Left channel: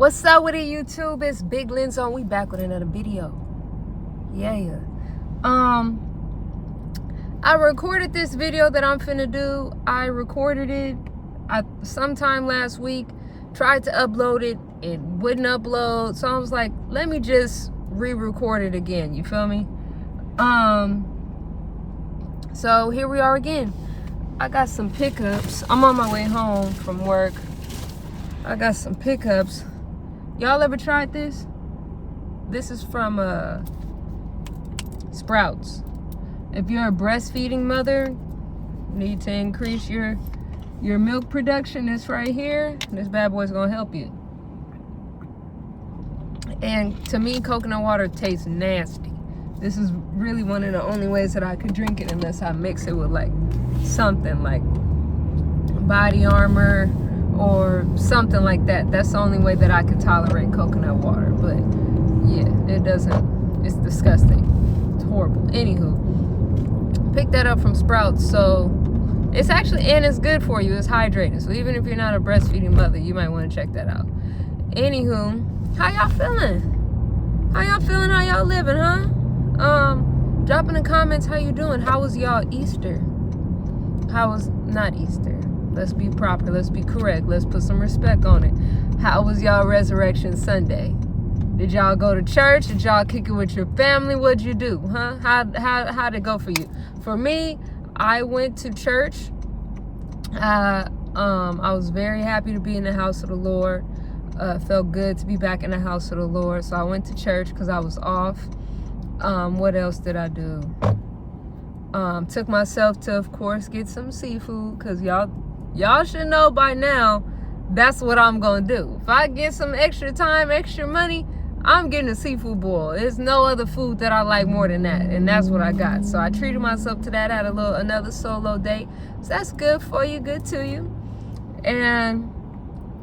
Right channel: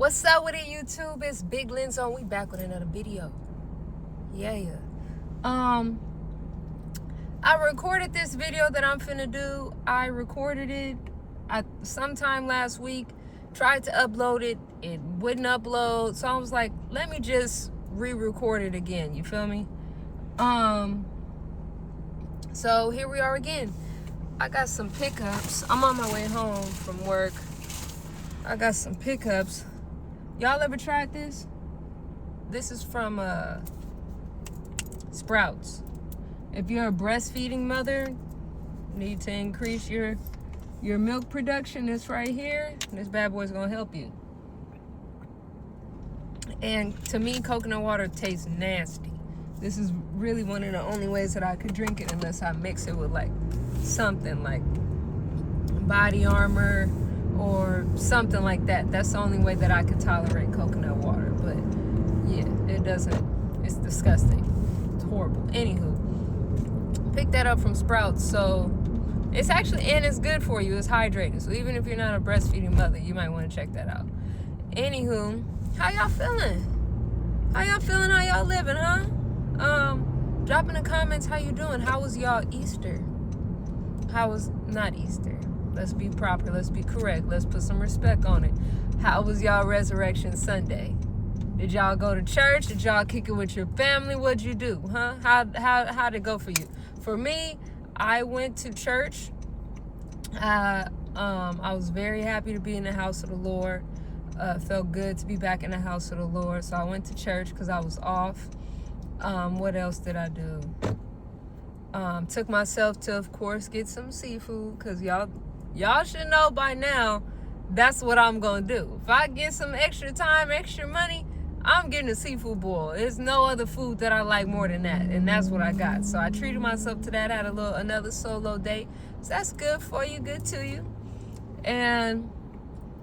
What's up with it, YouTube? It's Big Lens on. We back with another video. Yeah. I recorded this video that I'm finna do. I recorded it sometime last week. Tried to upload it. It wouldn't upload. So I was like, let me just re-record it again. You feel me? So here we are again. I got some pickups. I'm on my way home from work. I got some pickups. Y'all ever tried this? This is from Sprouts. If you're a breastfeeding mother, need to increase your milk production, this right here, this bad boy's gonna help you. And to me, coconut water tastes nasty. This is really one of the only ways that I could drink it unless I mix it with like something like Body Armor or something like that. That's the only way that I could tolerate coconut water. But yeah, it doesn't, it's disgusting. It's horrible. Anywho, pick that up from Sprouts. So it's actually, and it's good for you. It's hydrating. So even if you're not a breastfeeding mother, you might want to check that out. Anywho, how y'all feeling? How y'all feeling? How y'all living, huh? Drop in the comments how you doing. How was y'all Easter? How was, not Easter. Let's be proper. Let's be correct. Let's put some respect on it. How was y'all Resurrection Sunday? Did y'all go to church? Did y'all kick it with your family? What'd you do? Huh? How'd it go for you? For me, I went to church. I was very happy to be in the house of the Lord. Felt good to be back in the house of the Lord. So I went to church because I was off. What else did I do? Took myself to, of course, get some seafood because y'all should know by now that's what I'm gonna do. If I get some extra time, extra money, I'm getting a seafood boil. There's no other food that I like more than that, and that's what I got. So I treated myself to that. Had another solo date, so that's good for you, good to you. And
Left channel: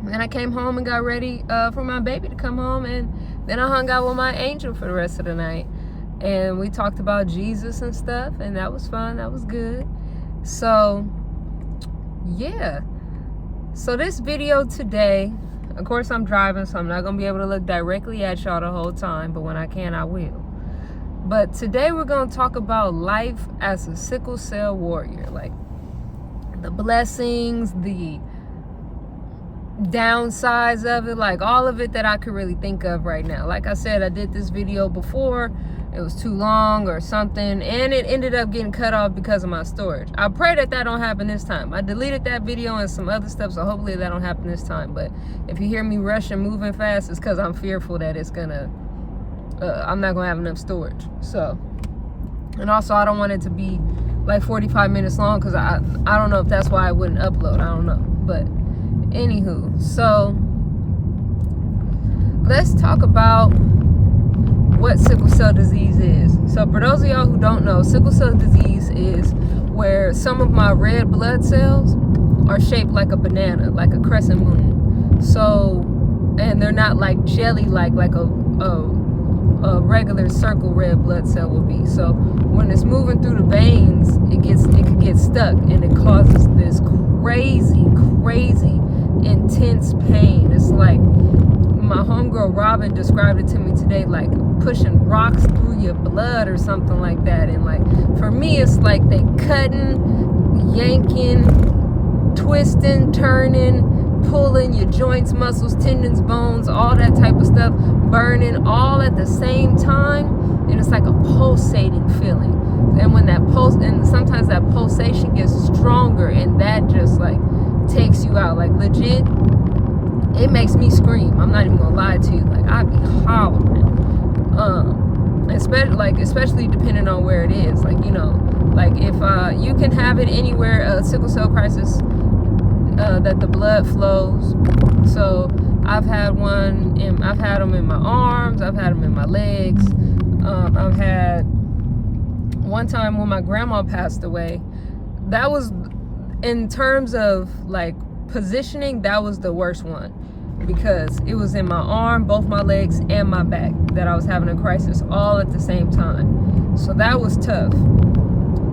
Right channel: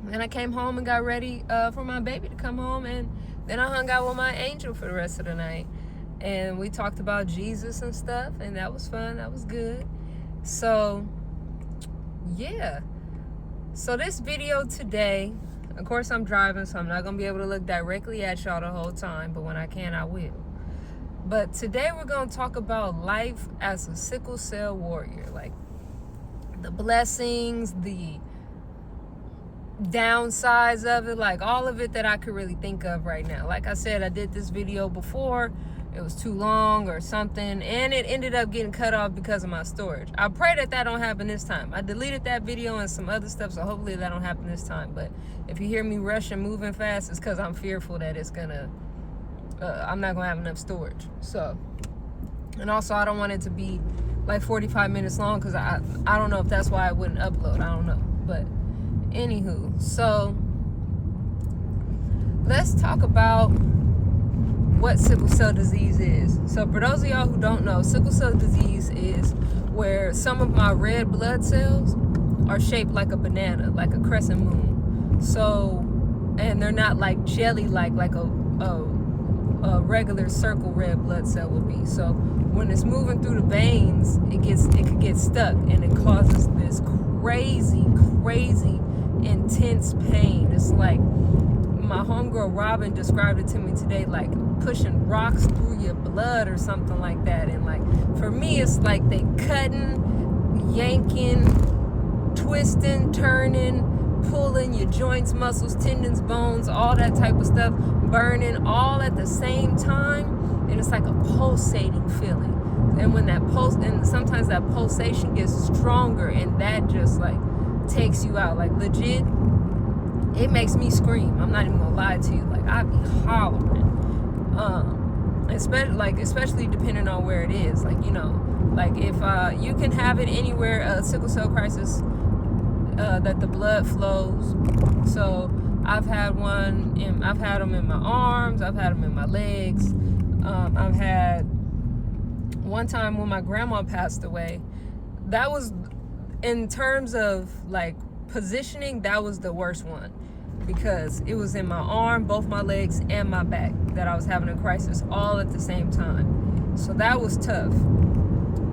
then I came home and got ready for my baby to come home, and then I hung out with my angel for the rest of the night, and we talked about Jesus and stuff, and that was fun. That was good. So yeah, so this video today, of course I'm driving, so I'm not gonna be able to look directly at y'all the whole time, but when I can, I will. But today we're gonna talk about life as a sickle cell warrior, like the blessings, the downsides of it, like all of it that I could really think of right now. Like I said, I did this video before. It was too long or something, and it ended up getting cut off because of my storage. I pray that don't happen this time. I deleted that video and some other stuff, so hopefully that don't happen this time. But if you hear me rushing, moving fast, it's because I'm fearful that it's gonna, I'm not gonna have enough storage. So, and also I don't want it to be like 45 minutes long because I don't know if that's why I wouldn't upload. I don't know. But anywho, so let's talk about what sickle cell disease is. So for those of y'all who don't know, sickle cell disease is where some of my red blood cells are shaped like a banana, like a crescent moon. So, and they're not like jelly like a regular circle red blood cell will be. So when it's moving through the veins, it could get stuck, and it causes this crazy intense pain. It's like, my homegirl Robin described it to me today, like pushing rocks through your blood or something like that. And like for me, it's like they cutting, yanking, twisting, turning, pulling your joints, muscles, tendons, bones, all that type of stuff, burning all at the same time. And it's like a pulsating feeling. And when that and sometimes that pulsation gets stronger, and that just like takes you out, like legit. It makes me scream. I'm not even gonna lie to you. Like I'd be hollering. Especially depending on where it is. Like, you know, like if you can have it anywhere, a sickle cell crisis, that the blood flows. So I've had them in my arms. I've had them in my legs. I've had one time when my grandma passed away. That was, in terms of like positioning, that was the worst one, because it was in my arm, both my legs, and my back that I was having a crisis all at the same time. So that was tough.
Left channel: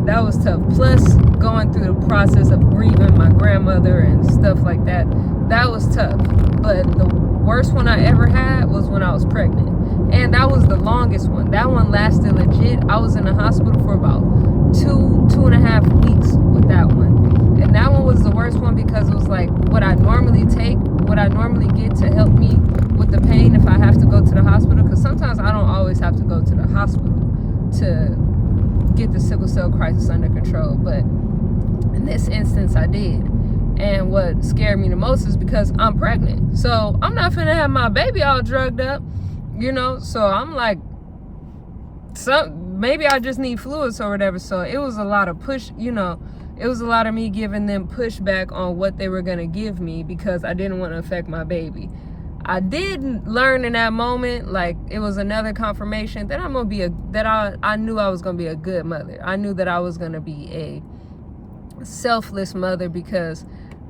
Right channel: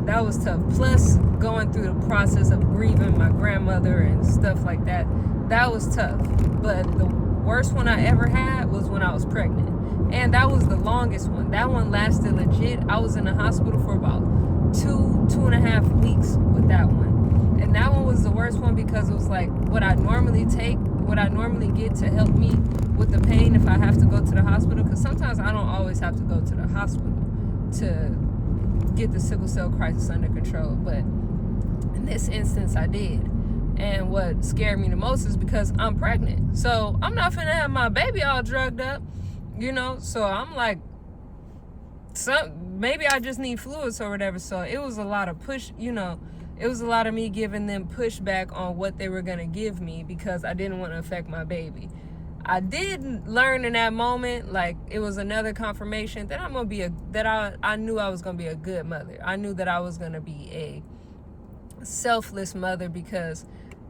That was tough. Plus going through the process of grieving my grandmother and stuff like that. That was tough. But the worst one I ever had was when I was pregnant. And that was the longest one. That one lasted legit. I was in the hospital for about 2.5 weeks with that one. And that one was the worst one because it was like what I normally get to help me with the pain if I have to go to the hospital. Because sometimes I don't always have to go to the hospital to get the sickle cell crisis under control. But in this instance, I did. And what scared me the most is because I'm pregnant. So I'm not finna have my baby all drugged up, you know? So I'm like, maybe I just need fluids or whatever. So it was a lot of push, you know, it was a lot of me giving them pushback on what they were gonna give me because I didn't want to affect my baby. I did learn in that moment, like it was another confirmation that I'm gonna be I knew I was gonna be a good mother. I knew that I was gonna be a selfless mother because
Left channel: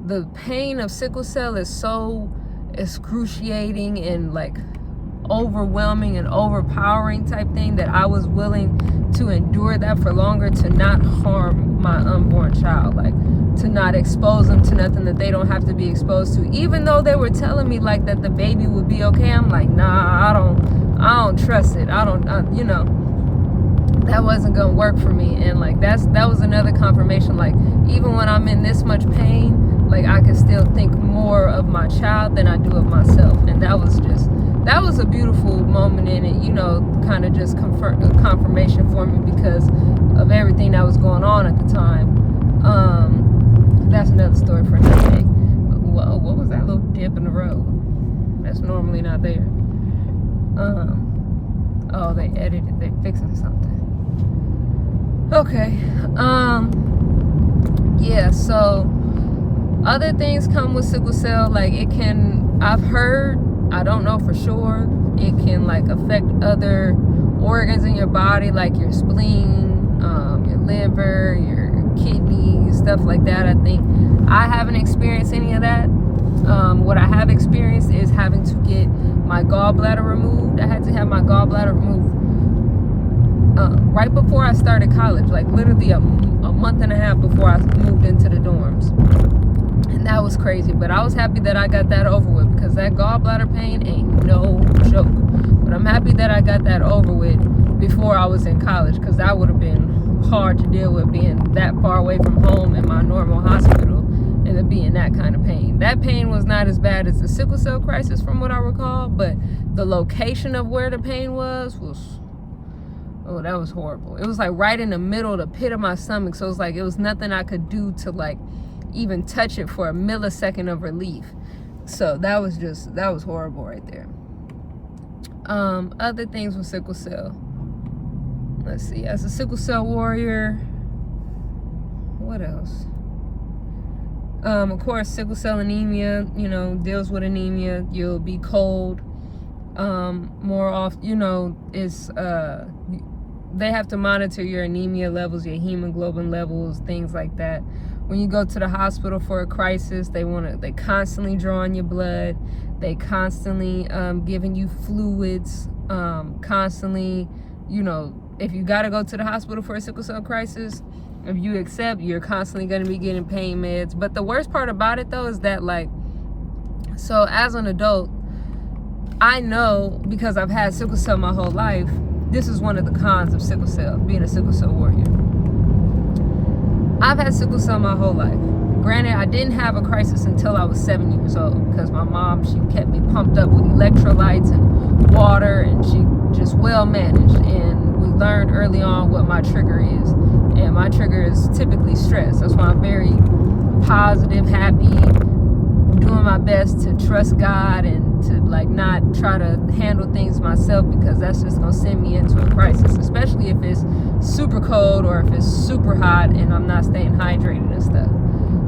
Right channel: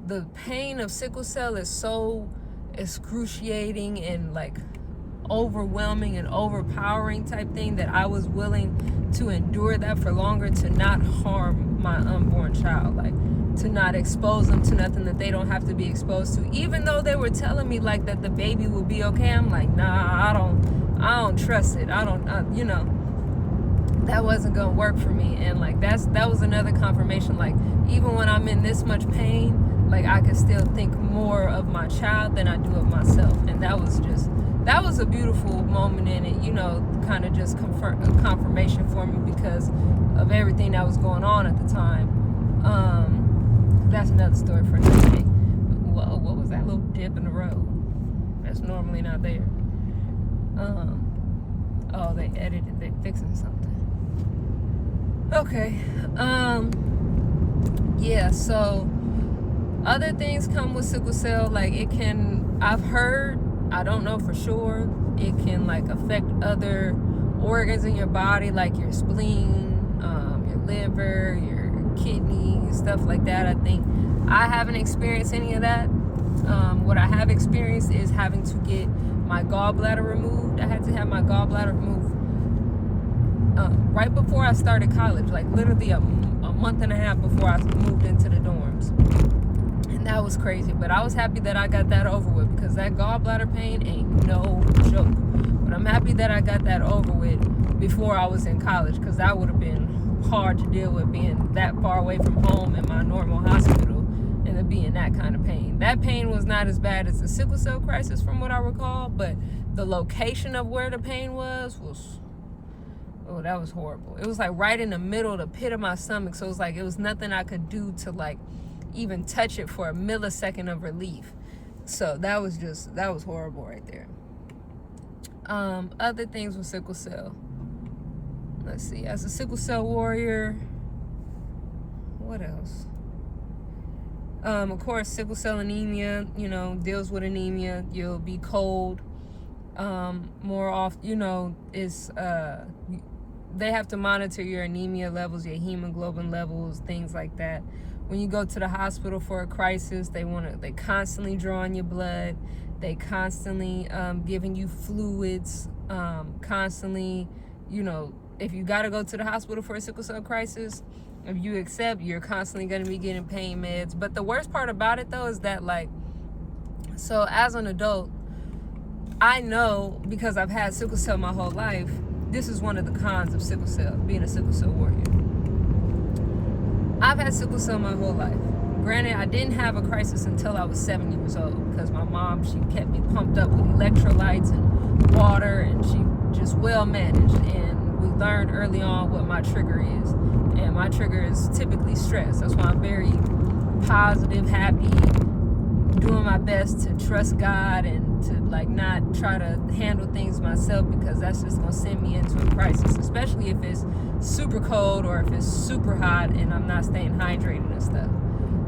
the pain of sickle cell is so excruciating and like overwhelming and overpowering type thing that I was willing to endure that for longer to not harm my unborn child, like to not expose them to nothing that they don't have to be exposed to. Even though they were telling me like that the baby would be okay, I'm like, nah, I don't trust it. You know, that wasn't gonna work for me. And like that was another confirmation, like even when I'm in this much pain, like I can still think more of my child than I do of myself. And that was a beautiful moment in it, you know, kind of just confirmation for me because of everything that was going on at the time. That's another story for another day. Whoa, what was that little dip in the road? That's normally not there. Oh, they edited, they fixing something. Okay. Yeah, so other things come with sickle cell, like I've heard, I don't know for sure, it can like affect other organs in your body, like your spleen, your liver, your kidneys, stuff like that. I think I haven't experienced any of that. What I have experienced is having to get my gallbladder removed. I had to have my gallbladder removed right before I started college, like literally a month and a half before I moved into the dorms. And that was crazy, but I was happy that I got that over with because that gallbladder pain ain't no joke. But I'm happy that I got that over with before I was in college because that would have been hard to deal with being that far away from home in my normal hospital and to be in that kind of pain. That pain was not as bad as the sickle cell crisis from what I recall, but the location of where the pain was oh, that was horrible. It was like right in the middle, the pit of my stomach. So it was like, it was nothing I could do to like even touch it for a millisecond of relief. So that was horrible right there. Other things with sickle cell. Let's see, as a sickle cell warrior, what else? Of course, sickle cell anemia, you know, deals with anemia. You'll be cold more often, you know, they have to monitor your anemia levels, your hemoglobin levels, things like that. When you go to the hospital for a crisis, they constantly drawing your blood. They constantly giving you fluids, constantly, you know, if you got to go to the hospital for a sickle cell crisis, if you accept, you're constantly going to be getting pain meds. But the worst part about it, though, is that, like, so as an adult, I know, because I've had sickle cell my whole life, this is one of the cons of sickle cell, being a sickle cell warrior. I've had sickle cell my whole life. Granted, I didn't have a crisis until I was 7 years old because my mom, she kept me pumped up with electrolytes and water, and she just well managed. And we learned early on what my trigger is. And my trigger is typically stress. That's why I'm very positive, happy, doing my best to trust God and to like not try to handle things myself because that's just gonna send me into a crisis, especially if it's super cold or if it's super hot and I'm not staying hydrated and stuff.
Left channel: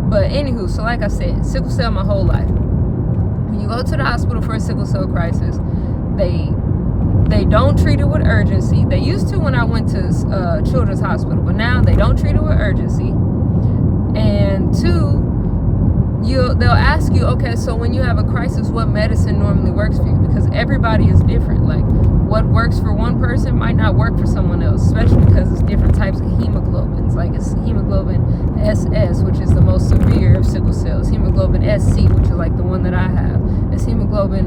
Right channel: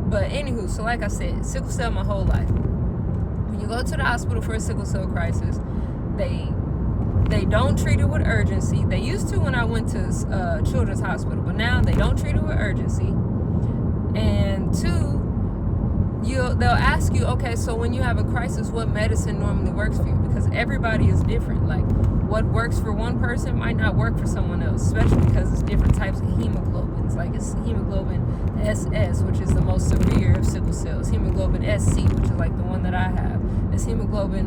But anywho, so like I said, sickle cell my whole life. When you go to the hospital for a sickle cell crisis, they don't treat it with urgency. They used to when I went to Children's Hospital, but now they don't treat it with urgency. And two, they'll ask you, okay, so when you have a crisis, what medicine normally works for you? Because everybody is different. Like, what works for one person might not work for someone else, especially because it's different types of hemoglobins. Like, it's hemoglobin SS, which is the most severe of sickle cells. Hemoglobin SC, which is like the one that I have. It's hemoglobin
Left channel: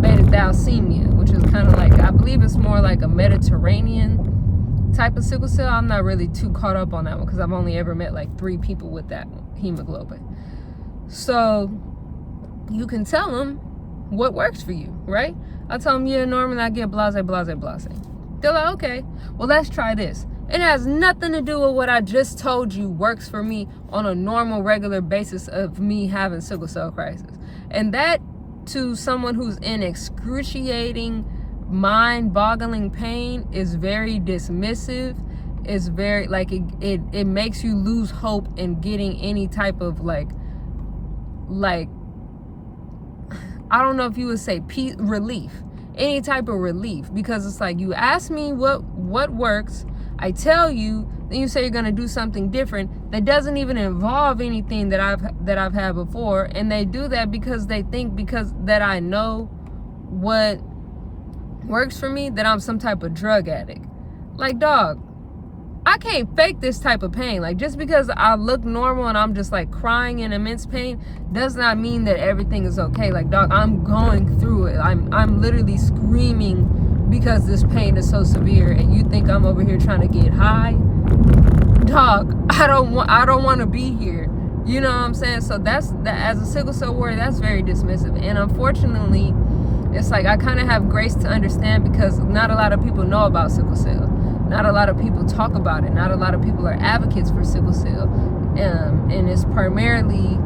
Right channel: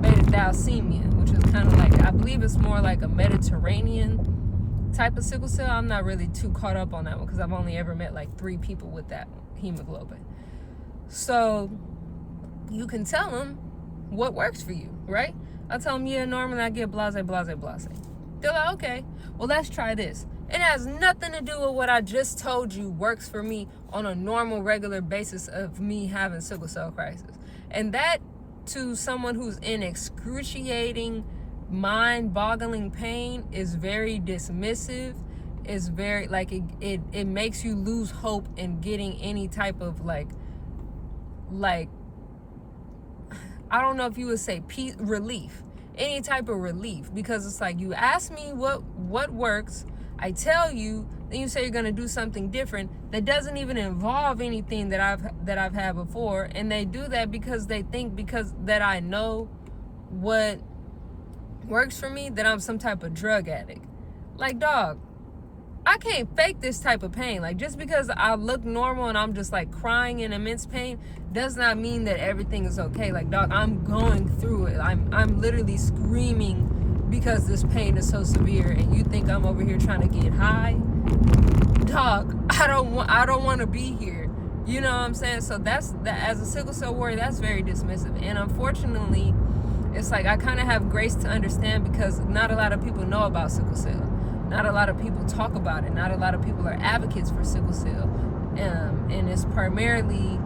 beta thalassemia, which is kind of like, I believe it's more like a Mediterranean type of sickle cell. I'm not really too caught up on that one because I've only ever met like 3 people with that hemoglobin. So you can tell them what works for you, right? I tell them, yeah, normally I get blase, blase, blase. They're like, okay, well, let's try this. It has nothing to do with what I just told you works for me on a normal, regular basis of me having sickle cell crisis. And that, to someone who's in excruciating, mind-boggling pain, is very dismissive. It's very, like, it makes you lose hope in getting any type of, like, I don't know if you would say relief, any type of relief, because it's like, you ask me what works, I tell you, then you say you're gonna do something different that doesn't even involve anything that I've had before, and they do that because they think because that I know what works for me that I'm some type of drug addict. Like, dog, I can't fake this type of pain. Like, just because I look normal and I'm just like crying in immense pain does not mean that everything is okay. Like, dog, I'm going through it. I'm literally screaming because this pain is so severe, and you think I'm over here trying to get high? Dog, I don't want to be here. You know what I'm saying? So that's that. As a sickle cell warrior, that's very dismissive. And unfortunately, it's like I kind of have grace to understand because not a lot of people know about sickle cell. Not a lot of people talk about it. Not a lot of people are advocates for sickle cell. And it's primarily,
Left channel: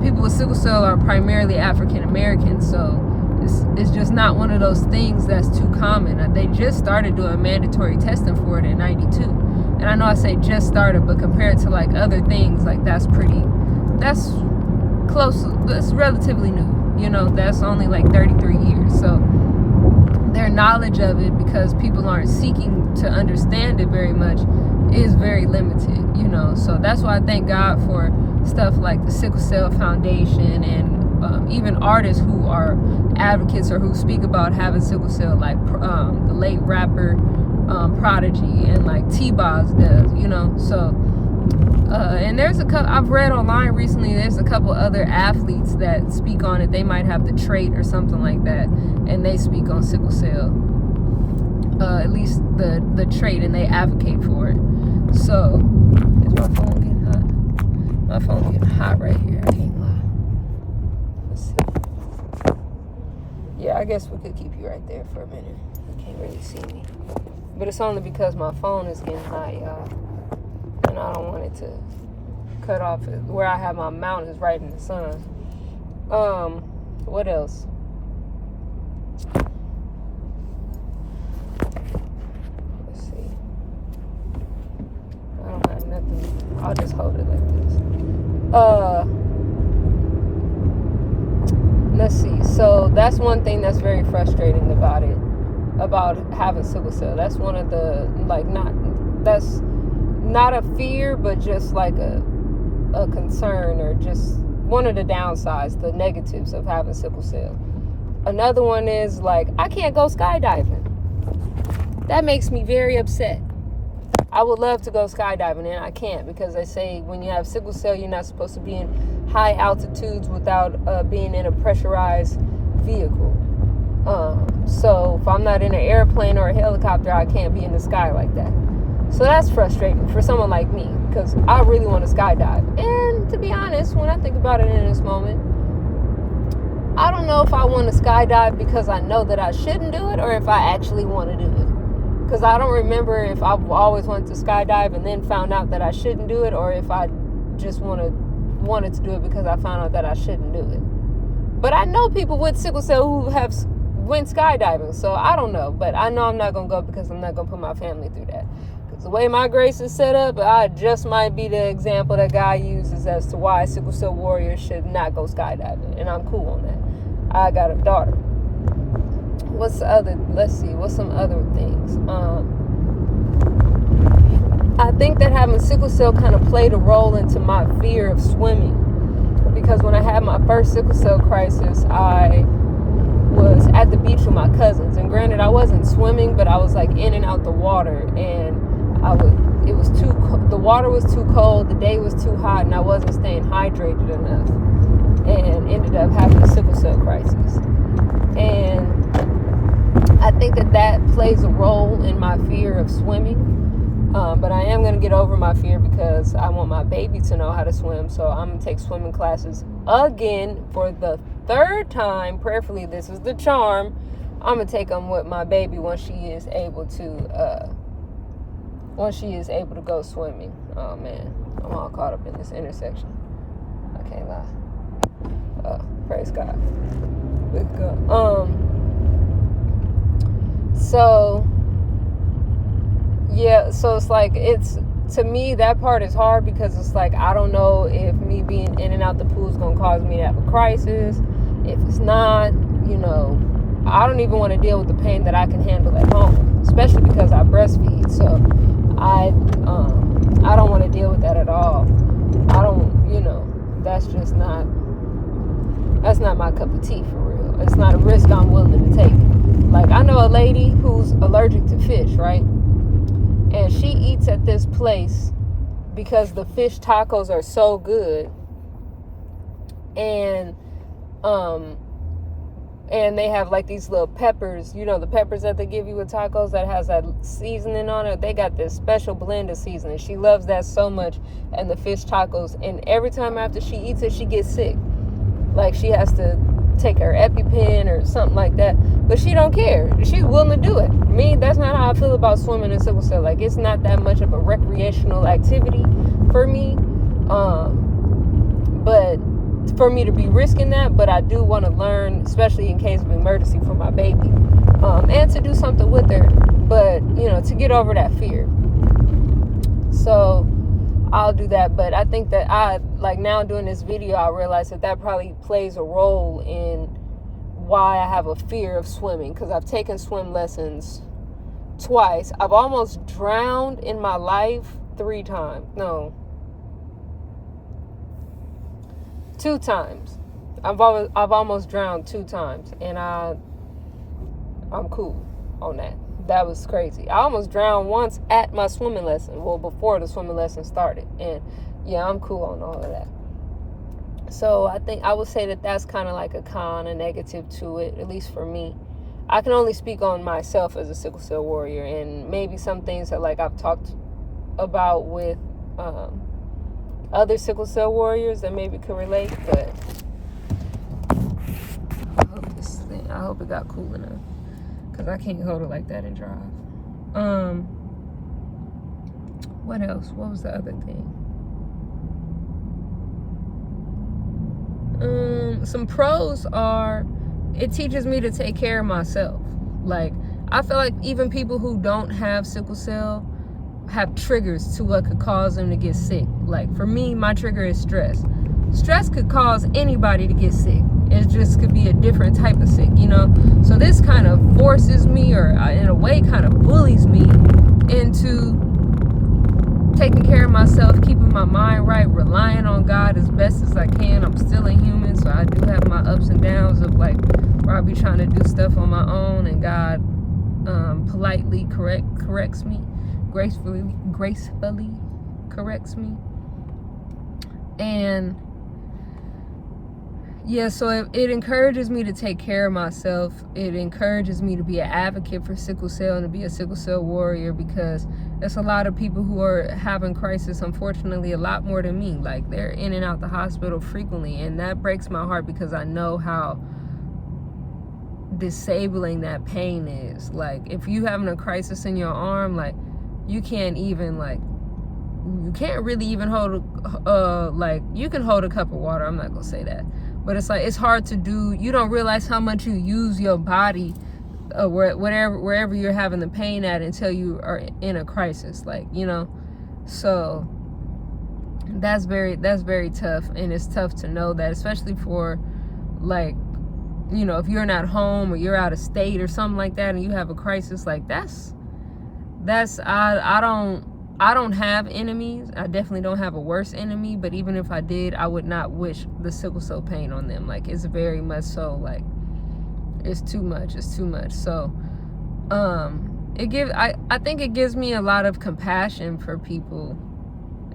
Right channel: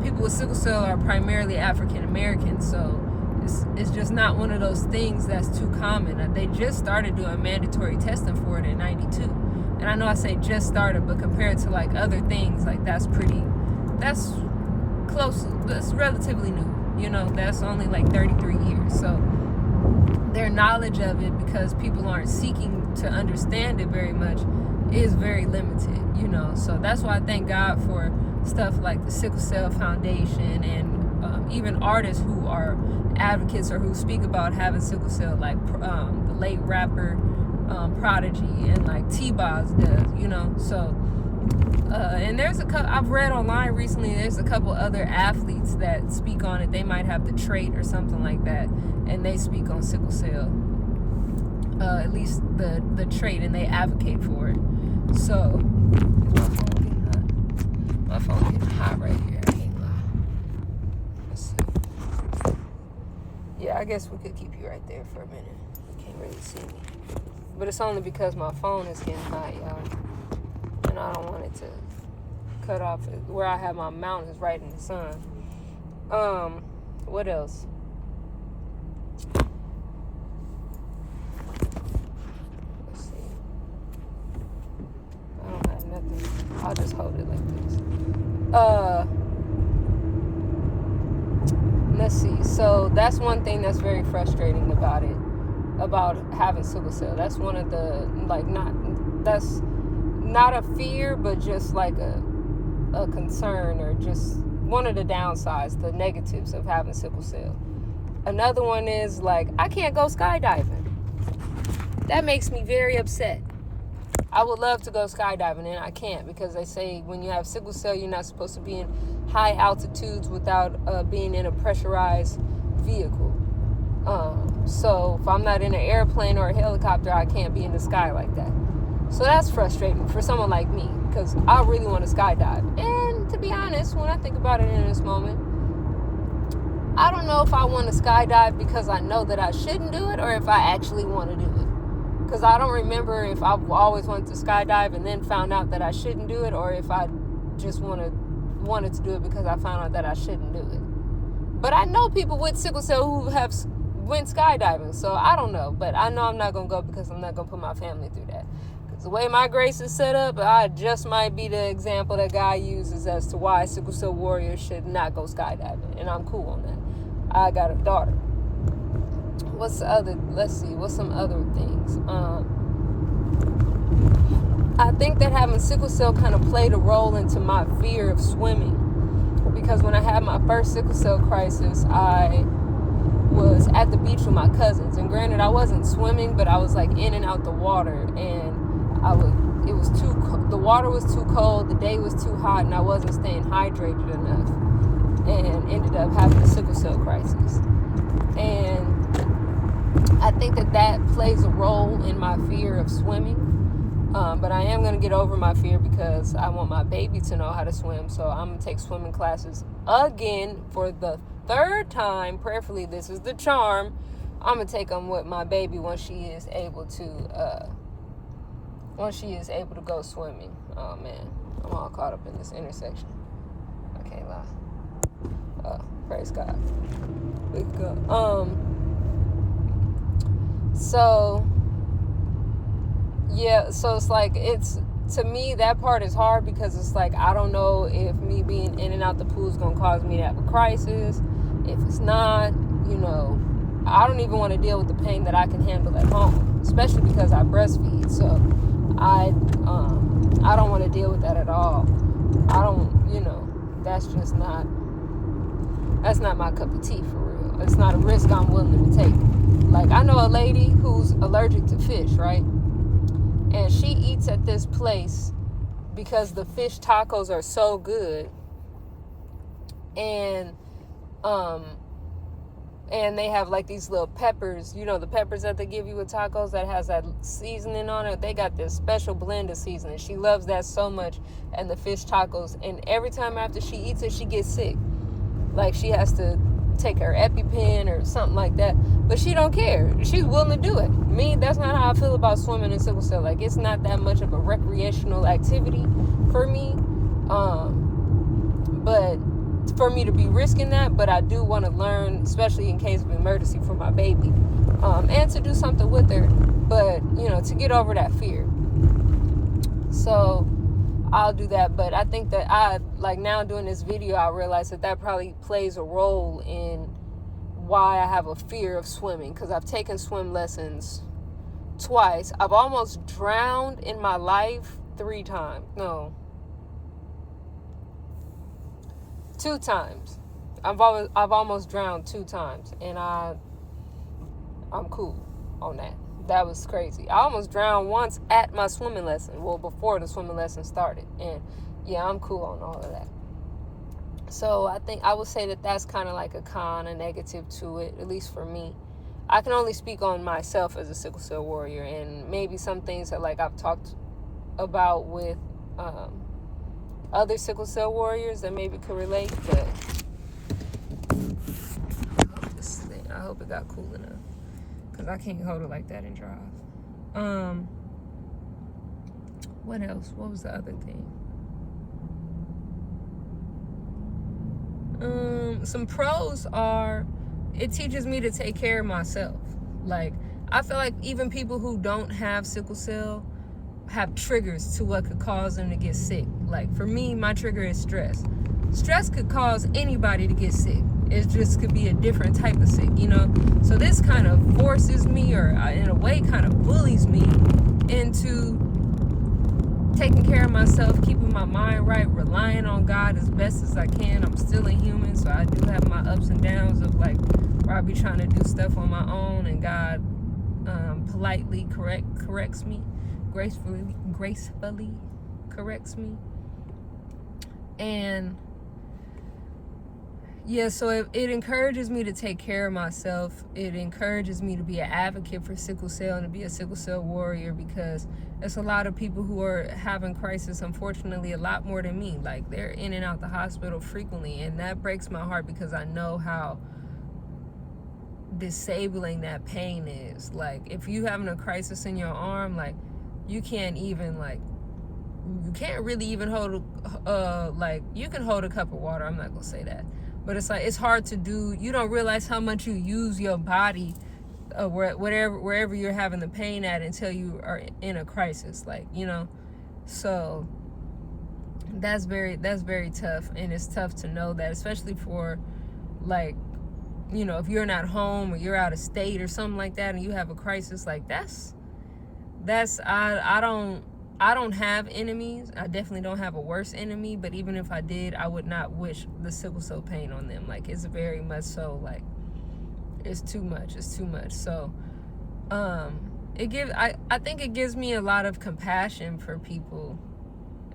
people with sickle cell are primarily African American. So it's just not one of those things that's too common. They just started doing mandatory testing for it in '92. And I know I say just started, but compared to like other things, like that's close, that's relatively new. You know, that's only like 33 years. So their knowledge of it, because people aren't seeking to understand it very much, is very limited, you know. So that's why I thank God for stuff like the Sickle Cell Foundation and even artists who are advocates or who speak about having sickle cell, like the late rapper Prodigy, and like T-Boz does, you know. So and there's I've read online recently, there's a couple other athletes that speak on it. They might have the trait or something like that, and they speak on sickle cell, at least the trait, and they advocate for it. So, is my phone getting hot? My phone's getting hot right here, I can't lie. Let's see. Yeah, I guess we could keep you right there for a minute. You can't really see me. But it's only because my phone is getting hot, y'all. And I don't want it to cut off. Where I have my mount is right in the sun. What else? Let's see. I don't have nothing. I'll just hold it like this. Let's see. So that's one thing that's very frustrating about it, about having sickle cell. That's one of the, like, that's not a fear, but just like a concern, or just one of the downsides, the negatives of having sickle cell. Another one is, like, I can't go skydiving. That makes me very upset. I would love to go skydiving, and I can't, because they say when you have sickle cell, you're not supposed to be in high altitudes without being in a pressurized vehicle. So if I'm not in an airplane or a helicopter, I can't be in the sky like that. So that's frustrating for someone like me, because I really want to skydive. And to be honest, when I think about it in this moment, I don't know if I want to skydive because I know that I shouldn't do it, or if I actually want to do it. Because I don't remember if I've always wanted to skydive and then found out that I shouldn't do it, or if I just wanted to do it because I found out that I shouldn't do it. But I know people with sickle cell who have went skydiving, so I don't know. But I know I'm not going to go, because I'm not going to put my family through that. Because the way my grace is set up, I just might be the example that God uses as to why sickle cell warriors should not go skydiving. And I'm cool on that. I got a daughter. What's some other things? I think that having sickle cell kind of played a role into my fear of swimming, because when I had my first sickle cell crisis, I was at the beach with my cousins, and granted, I wasn't swimming, but I was like in and out the water, and the water was too cold, the day was too hot, and I wasn't staying hydrated enough, and ended up having a sickle cell crisis. And I think that plays a role in my fear of swimming. But I am going to get over my fear because I want my baby to know how to swim. So I'm going to take swimming classes again for the third time. Prayerfully, this is the charm. I'm going to take them with my baby once she is able to go swimming. Oh, man. I'm all caught up in this intersection. I can't lie. Praise God. Let's go. Yeah, so it's like, to me, that part is hard because it's like, I don't know if me being in and out the pool is going to cause me to have a crisis. If it's not, I don't even want to deal with the pain that I can handle at home, especially because I breastfeed. So I don't want to deal with that at all. That's not my cup of tea for real. It's not a risk I'm willing to take. Like, I know a lady who's allergic to fish, right? And she eats at this place because the fish tacos are so good. And they have like these little peppers, the peppers that they give you with tacos that has that seasoning on it. They got this special blend of seasoning. She loves that so much, and the fish tacos. And every time after she eats it, she gets sick. Like, she has to take her EpiPen or something like that. But she don't care. She's willing to do it. Me, that's not how I feel about swimming and sickle cell. Like, it's not that much of a recreational activity for me. But for me to be risking that, but I do want to learn, especially in case of emergency for my baby, and to do something with her, but to get over that fear. So I'll do that. But I think that now doing this video, I realize that probably plays a role in why I have a fear of swimming, because I've taken swim lessons twice. I've almost drowned in my life 2 times. I've almost drowned 2 times, and I'm cool on that. That was crazy. I almost drowned once at my swimming lesson. Well, before the swimming lesson started, and yeah, I'm cool on all of that. So I think I would say that that's kind of like a negative to it, at least for me. I can only speak on myself as a sickle cell warrior, and maybe some things that like I've talked about with other sickle cell warriors that maybe could relate, but I hope it got cool enough, because I can't hold it like that and drive. What else? What was the other thing? Some pros are, it teaches me to take care of myself. Like, I feel like even people who don't have sickle cell have triggers to what could cause them to get sick. Like, for me, my trigger is stress. Stress could cause anybody to get sick. It just could be a different type of sick, So this kind of forces me, or in a way kind of bullies me into taking care of myself, keeping my mind right, relying on God as best as I can. I'm still a human, so I do have my ups and downs of like where I be trying to do stuff on my own, and God politely corrects me, gracefully corrects me. And yeah, so it encourages me to take care of myself. It encourages me to be an advocate for sickle cell and to be a sickle cell warrior, because there's a lot of people who are having crisis, unfortunately, a lot more than me. Like, they're in and out the hospital frequently, and that breaks my heart because I know how disabling that pain is. Like, if you having a crisis in your arm, like, you can't really even hold you can hold a cup of water. I'm not gonna say that, but it's like, it's hard to do. You don't realize how much you use your body wherever you're having the pain at until you are in a crisis, so that's very tough. And it's tough to know that, especially for if you're not home or you're out of state or something like that, and you have a crisis, like I I don't have enemies. I definitely don't have a worse enemy, but even if I did, I would not wish the sickle cell pain on them. Like, it's very much so, like, it's too much. It's too much. So, I think it gives me a lot of compassion for people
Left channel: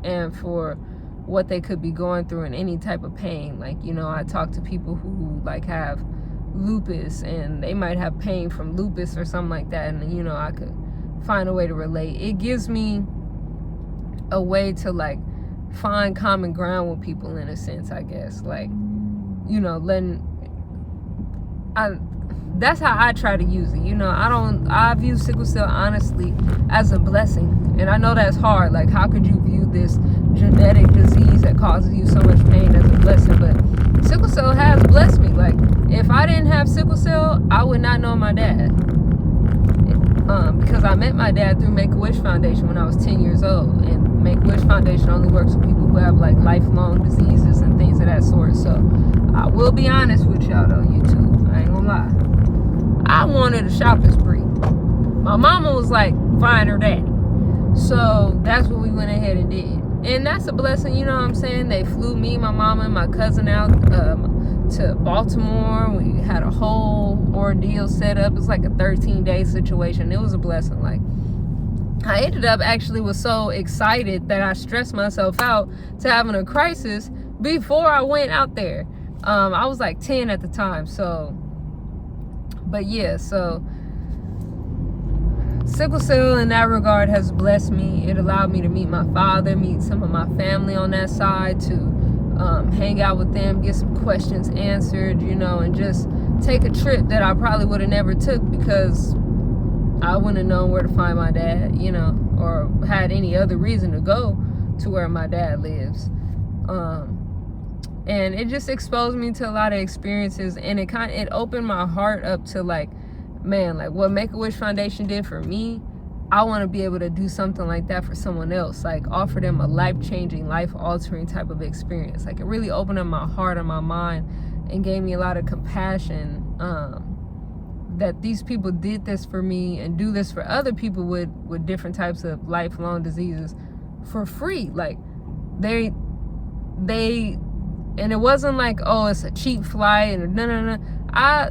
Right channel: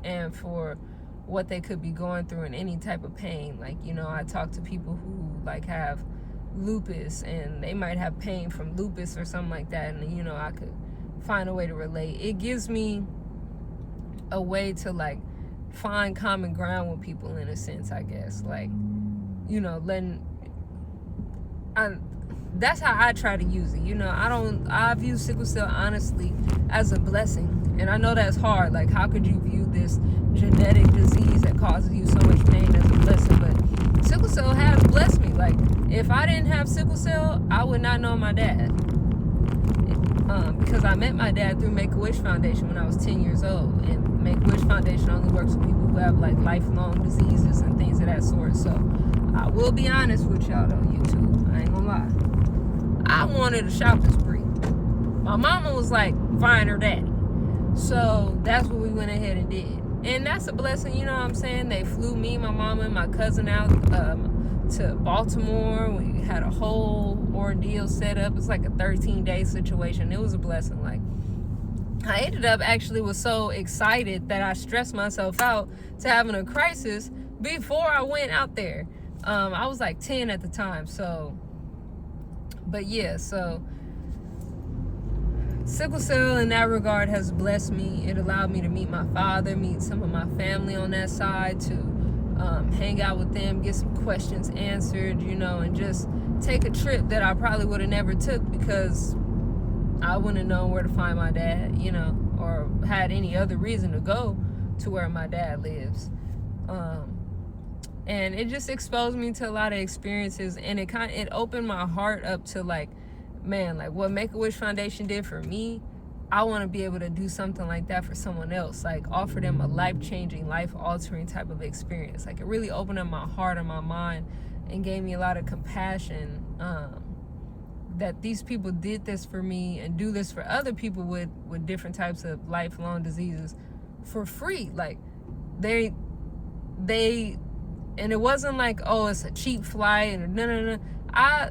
and for what they could be going through in any type of pain. Like, you know, I talk to people who, like, have lupus, and they might have pain from lupus or something like that, and, you know, I could find a way to relate. It gives me a way to, like, find common ground with people, in a sense, I guess. Like, you know, that's how I try to use it. You know, I view sickle cell honestly as a blessing. And I know that's hard. Like, how could you view this genetic disease that causes you so much pain as a blessing? But sickle cell has blessed me. Like, if I didn't have sickle cell, I would not know my dad. Because I met my dad through Make-A-Wish Foundation when I was 10 years old. And Make-A-Wish Foundation only works with people who have, like, lifelong diseases and things of that sort. So I will be honest with y'all, though, YouTube. I ain't gonna lie. I wanted a shopping spree. My mama was like, find her daddy. So that's what we went ahead and did. And that's a blessing, you know what I'm saying? They flew me, my mama, and my cousin out to Baltimore. We had a whole ordeal set up. It's like a 13-day situation. It was a blessing. Like, I ended up actually was so excited that I stressed myself out to having a crisis before I went out there. I was like 10 at the time, so... But yeah, so sickle cell in that regard has blessed me. It allowed me to meet my father, meet some of my family on that side, to hang out with them, get some questions answered, you know, and just take a trip that I probably would have never took because I wouldn't have known where to find my dad, you know, or had any other reason to go to where my dad lives. And it just exposed me to a lot of experiences, and it opened my heart up to, like, man, like, what Make-A-Wish Foundation did for me, I want to be able to do something like that for someone else, like offer them a life-changing, life-altering type of experience. Like, it really opened up my heart and my mind and gave me a lot of compassion that these people did this for me and do this for other people with different types of lifelong diseases for free. Like, they and it wasn't like, oh, it's a cheap flight and no.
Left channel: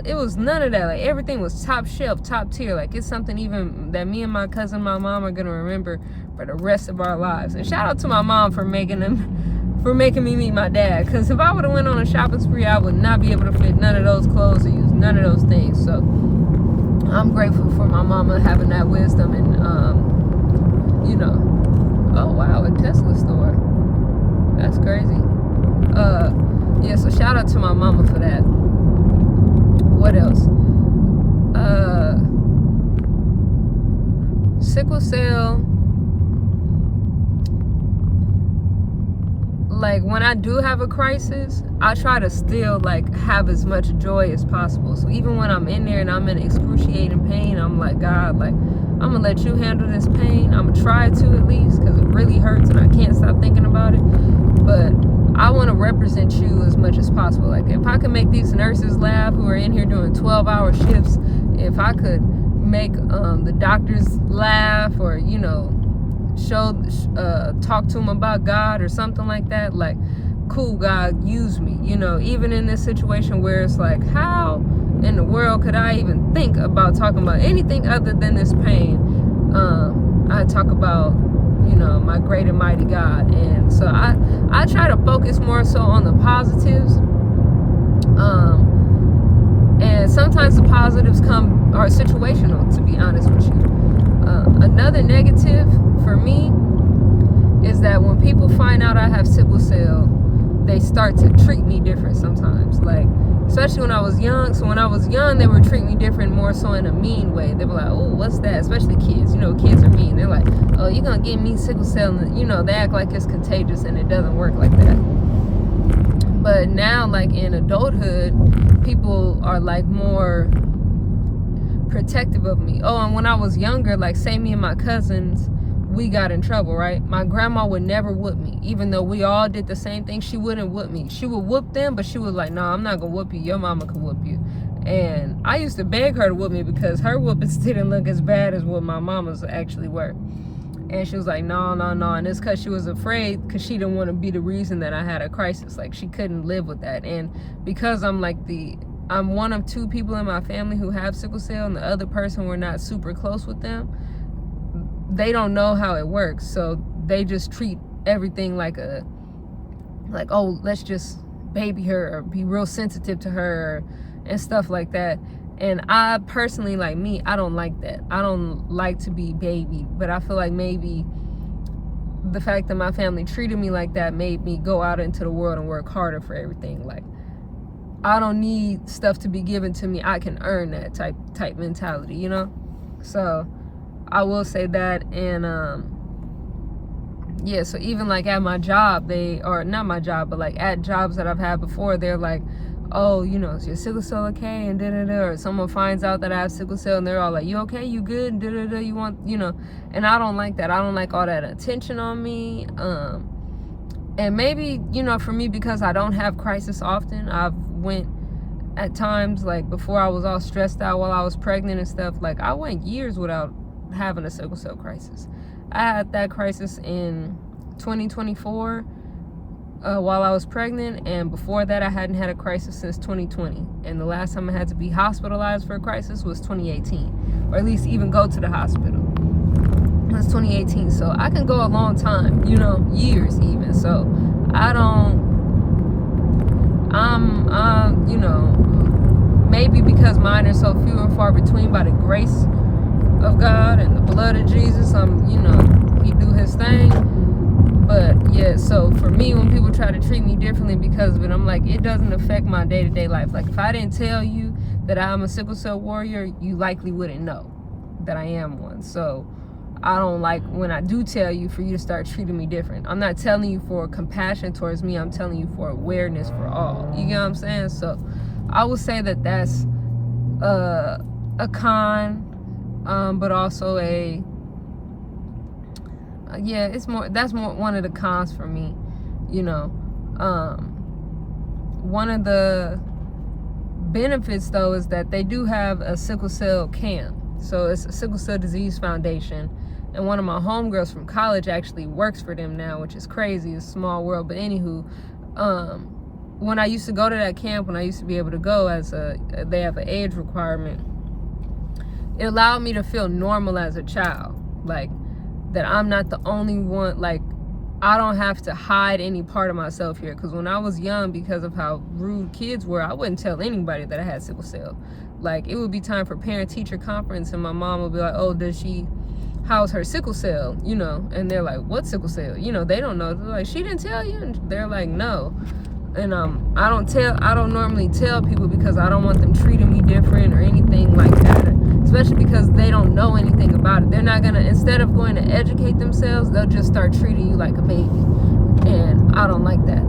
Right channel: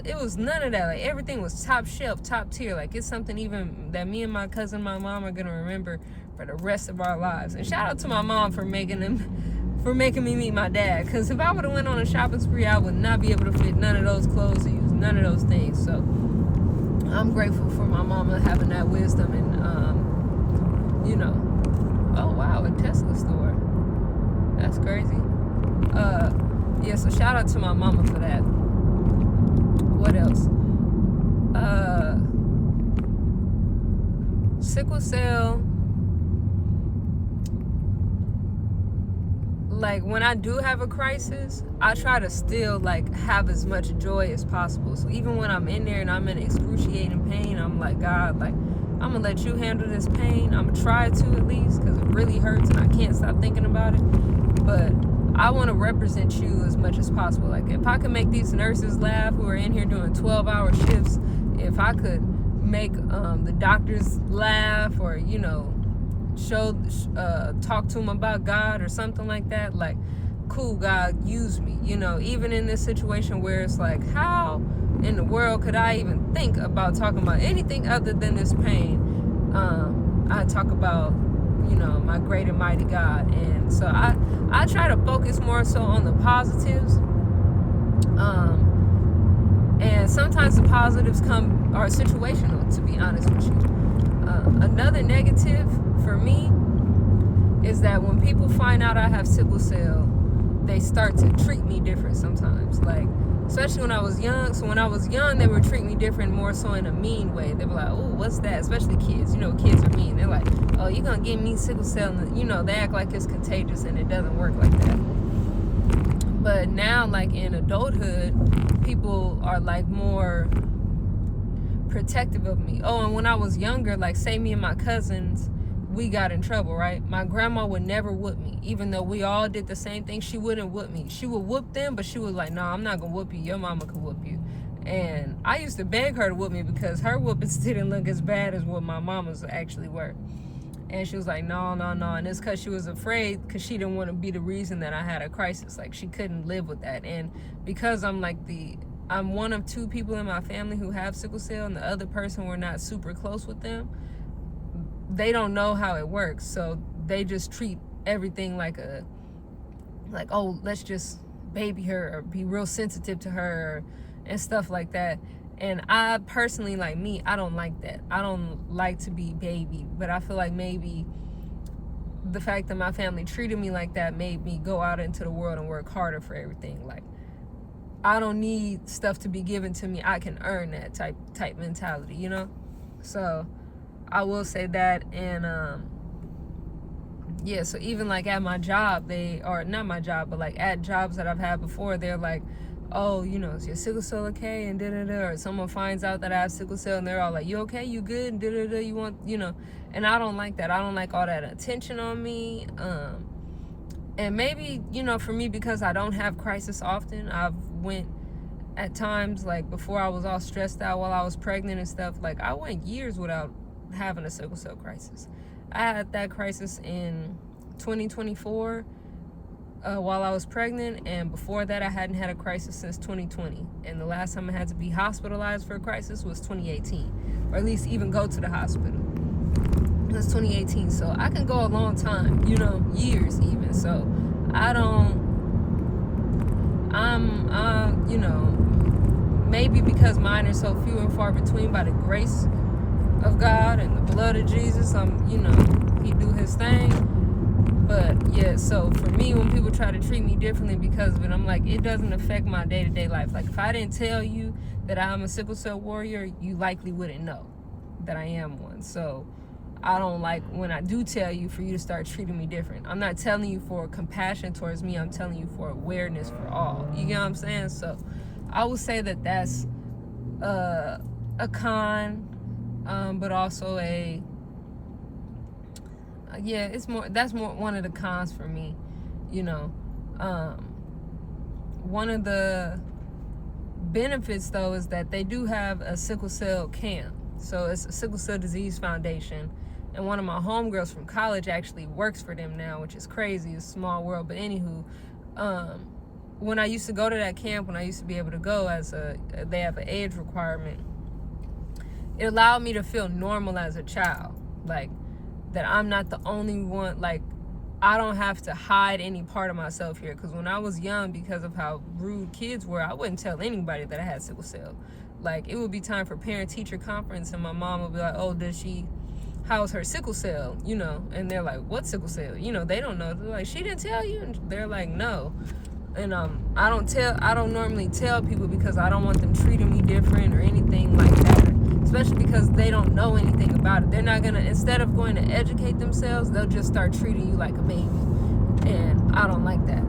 It was none of that. Like, everything was top shelf, top tier. Like, it's something even that me and my cousin, my mom, are gonna remember for the rest of our lives. And shout out to my mom for making me meet my dad. Because if I would have went on a shopping spree, I would not be able to fit none of those clothes or use none of those things. So I'm grateful for my mama having that wisdom and you know. Oh wow, a Tesla store. That's crazy. Yeah, so shout out to my mama for that. What else? Sickle cell. Like, when I do have a crisis, I try to still, like, have as much joy as possible. So even when I'm in there and I'm in excruciating pain, I'm like, God, like, I'm gonna let you handle this pain. I'm gonna try to, at least, because it really hurts and I can't stop thinking about it. But I want to represent you as much as possible. Like, if I can make these nurses laugh who are in here doing 12-hour shifts, if I could make the doctors laugh, or, you know, talk to them about God or something like that, like, cool, God, use me. You know, even in this situation where it's like, how in the world could I even think about talking about anything other than this pain? I talk about, you know, my great and mighty God. And so I try to focus more so on the positives. And sometimes the positives are situational, to be honest with you. Another negative for me is that when people find out I have sickle cell, they start to treat me different sometimes. Like, especially when I was young. So when I was young, they would treat me different, more so in a mean way. They were like, oh, what's that? Especially kids. You know, kids are mean. They're like, oh, you're going to give me sickle cell. And, you know, they act like it's contagious, and it doesn't work like that. But now, like, in adulthood, people are, like, more protective of me. Oh, and when I was younger, like, say me and my cousins, we got in trouble, right? My grandma would never whoop me. Even though we all did the same thing, she wouldn't whoop me. She would whoop them, but she was like, no, I'm not gonna whoop you. Your mama can whoop you. And I used to beg her to whoop me because her whoopings didn't look as bad as what my mama's actually were. And she was like, no. And it's because she was afraid, because she didn't want to be the reason that I had a crisis. Like, she couldn't live with that. And because I'm one of 2 people in my family who have sickle cell, and the other person, we're not super close with them, they don't know how it works. So they just treat everything like, oh, let's just baby her or be real sensitive to her and stuff like that. And I personally, like me, I don't like that. I don't like to be babied, but I feel like maybe the fact that my family treated me like that made me go out into the world and work harder for everything. Like, I don't need stuff to be given to me. I can earn that type mentality, you know? So I will say that. And yeah, so even like at my job, not my job, but like at jobs that I've had before, they're like, oh, you know, is your sickle cell okay? And or someone finds out that I have sickle cell and they're all like, you okay? You good? You want, you know? And I don't like that. I don't like all that attention on me. And maybe, you know, for me, because I don't have crisis often, I've went at times, like before I was all stressed out while I was pregnant and stuff, like I went years without having a sickle cell crisis. I had that crisis in 2024 while I was pregnant, and before that I hadn't had a crisis since 2020, and the last time I had to be hospitalized for a crisis was 2018, or at least even go to the hospital. That's 2018, so I can go a long time, you know, years even. So you know, maybe because mine are so few and far between, by the grace of God and the blood of Jesus, you know, he do his thing. But yeah, so for me, when people try to treat me differently because of it, I'm like, it doesn't affect my day-to-day life. Like, if I didn't tell you that I'm a sickle cell warrior, you likely wouldn't know that I am one. So I don't like, when I do tell you, for you to start treating me different. I'm not telling you for compassion towards me, I'm telling you for awareness for all. You get what I'm saying? So I would say that that's a con, but also that's more one of the cons for me, you know. One of the benefits, though, is that they do have a sickle cell camp. So it's a Sickle Cell Disease Foundation, and one of my homegirls from college actually works for them now, which is crazy. It's a small world. But anywho, when I used to go to that camp, when I used to be able to go, they have an age requirement, it allowed me to feel normal as a child. Like, that I'm not the only one, like, I don't have to hide any part of myself here. Because when I was young, because of how rude kids were, I wouldn't tell anybody that I had sickle cell. Like, it would be time for parent-teacher conference, and my mom would be like, oh, how's her sickle cell, you know? And they're like, what sickle cell? You know, they don't know. They're like, she didn't tell you? And they're like, no. And I don't normally tell people because I don't want them treating me different or anything like that. Especially because they don't know anything about it. They're not gonna, instead of going to educate themselves, they'll just start treating you like a baby. And I don't like that.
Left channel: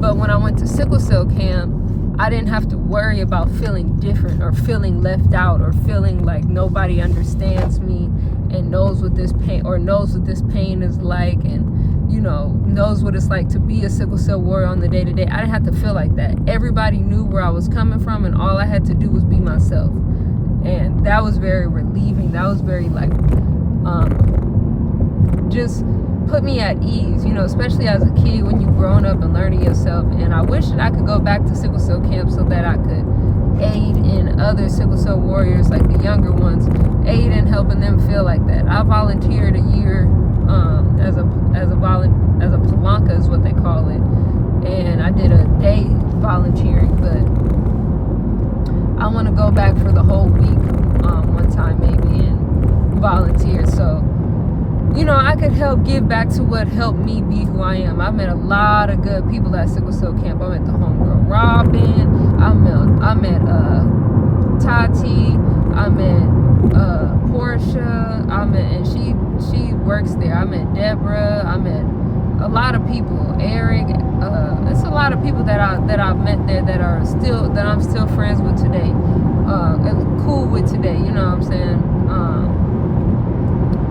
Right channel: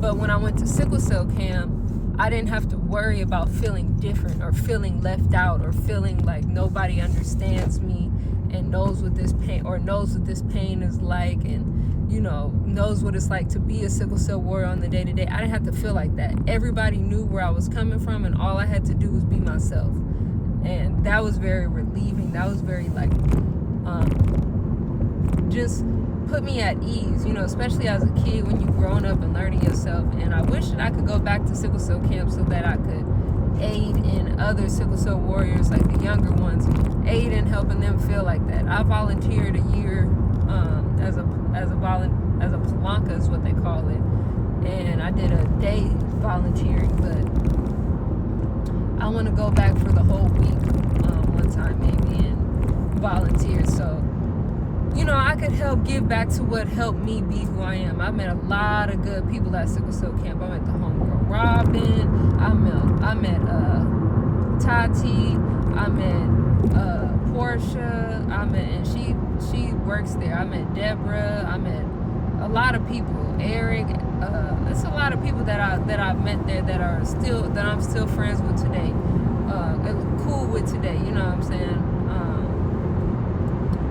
But when I went to sickle cell camp, I didn't have to worry about feeling different or feeling left out or feeling like nobody understands me and knows what this pain is like, and, you know, knows what it's like to be a sickle cell warrior on the day-to-day. I didn't have to feel like that. Everybody knew where I was coming from, and all I had to do was be myself. And that was very relieving. That was very, like, just put me at ease, you know, especially as a kid when you're growing up and learning yourself. And I wish that I could go back to sickle cell camp so that I could aid in other sickle cell warriors, like the younger ones, aid in helping them feel like that. I volunteered a year as a palanca is what they call it, and I did a day volunteering, but I want to go back for the whole week one time maybe and volunteer, so, you know, I could help give back to what helped me be who I am. I met a lot of good people at sickle cell camp. I met the homegirl Robin, I met Tati, I met Portia, and she works there. I met Deborah, I met a lot of people, Eric, it's a lot of people that I've met there that I'm still friends with today, and cool with today, you know what I'm saying?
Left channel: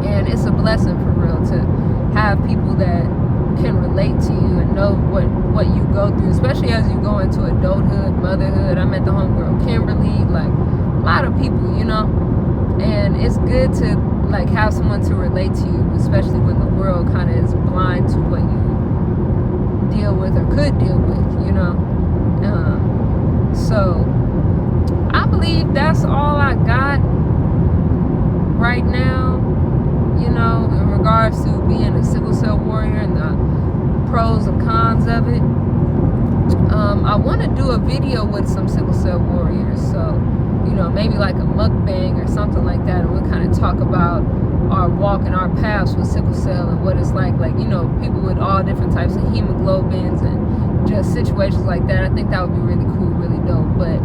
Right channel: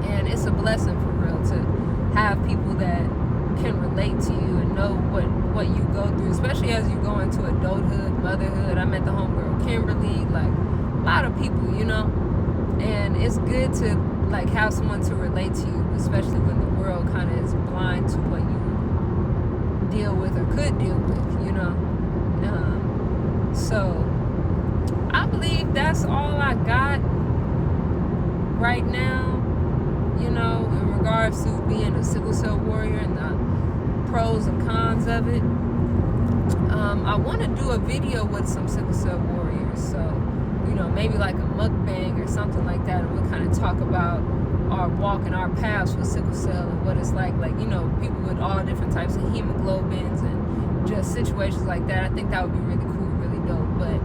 And it's a blessing for real to have people that can relate to you and know what you go through, especially as you go into adulthood, motherhood. I met the homegirl Kimberly, like a lot of people, you know, and it's good to like have someone to relate to you, especially when the world kind of is blind to what you deal with or could deal with, you know. So I believe that's all I got right now, you know, in regards to being a sickle cell warrior and the pros and cons of it. I want to do a video with some sickle cell warriors, so, you know, maybe like a mukbang or something like that, and we'll kind of talk about our walk and our paths with sickle cell and what it's like, you know, people with all different types of hemoglobins and just situations like that. I think that would be really cool, really dope. But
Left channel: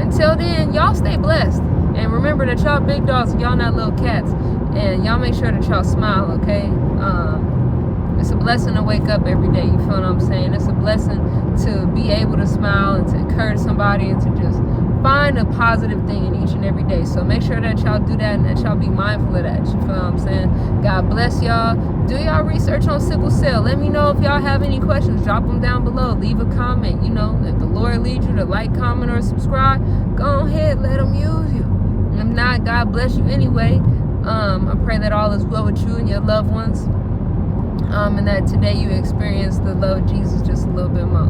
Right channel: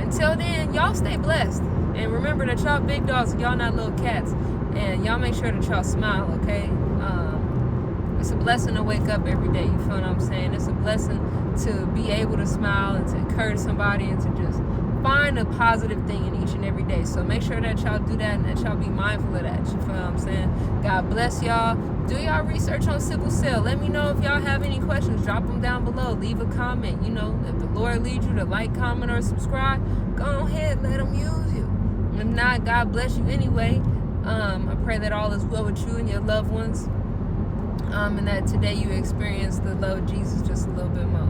until then, y'all stay blessed, and remember that y'all big dogs and y'all not little cats, and y'all make sure that y'all smile, okay? It's a blessing to wake up every day, you feel what I'm saying? It's a blessing to be able to smile and to encourage somebody and to just find a positive thing in each and every day. So make sure that y'all do that and that y'all be mindful of that, you feel what I'm saying? God bless y'all. Do y'all research on sickle cell. Let me know if y'all have any questions. Drop them down below. Leave a comment. You know, if the Lord leads you to like, comment, or subscribe, go ahead, let him use you. If not, God bless you anyway. I pray that all is well with you and your loved ones. And that today you experience the love of Jesus just a little bit more.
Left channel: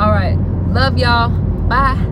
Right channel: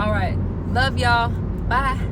All right. Love y'all. Bye.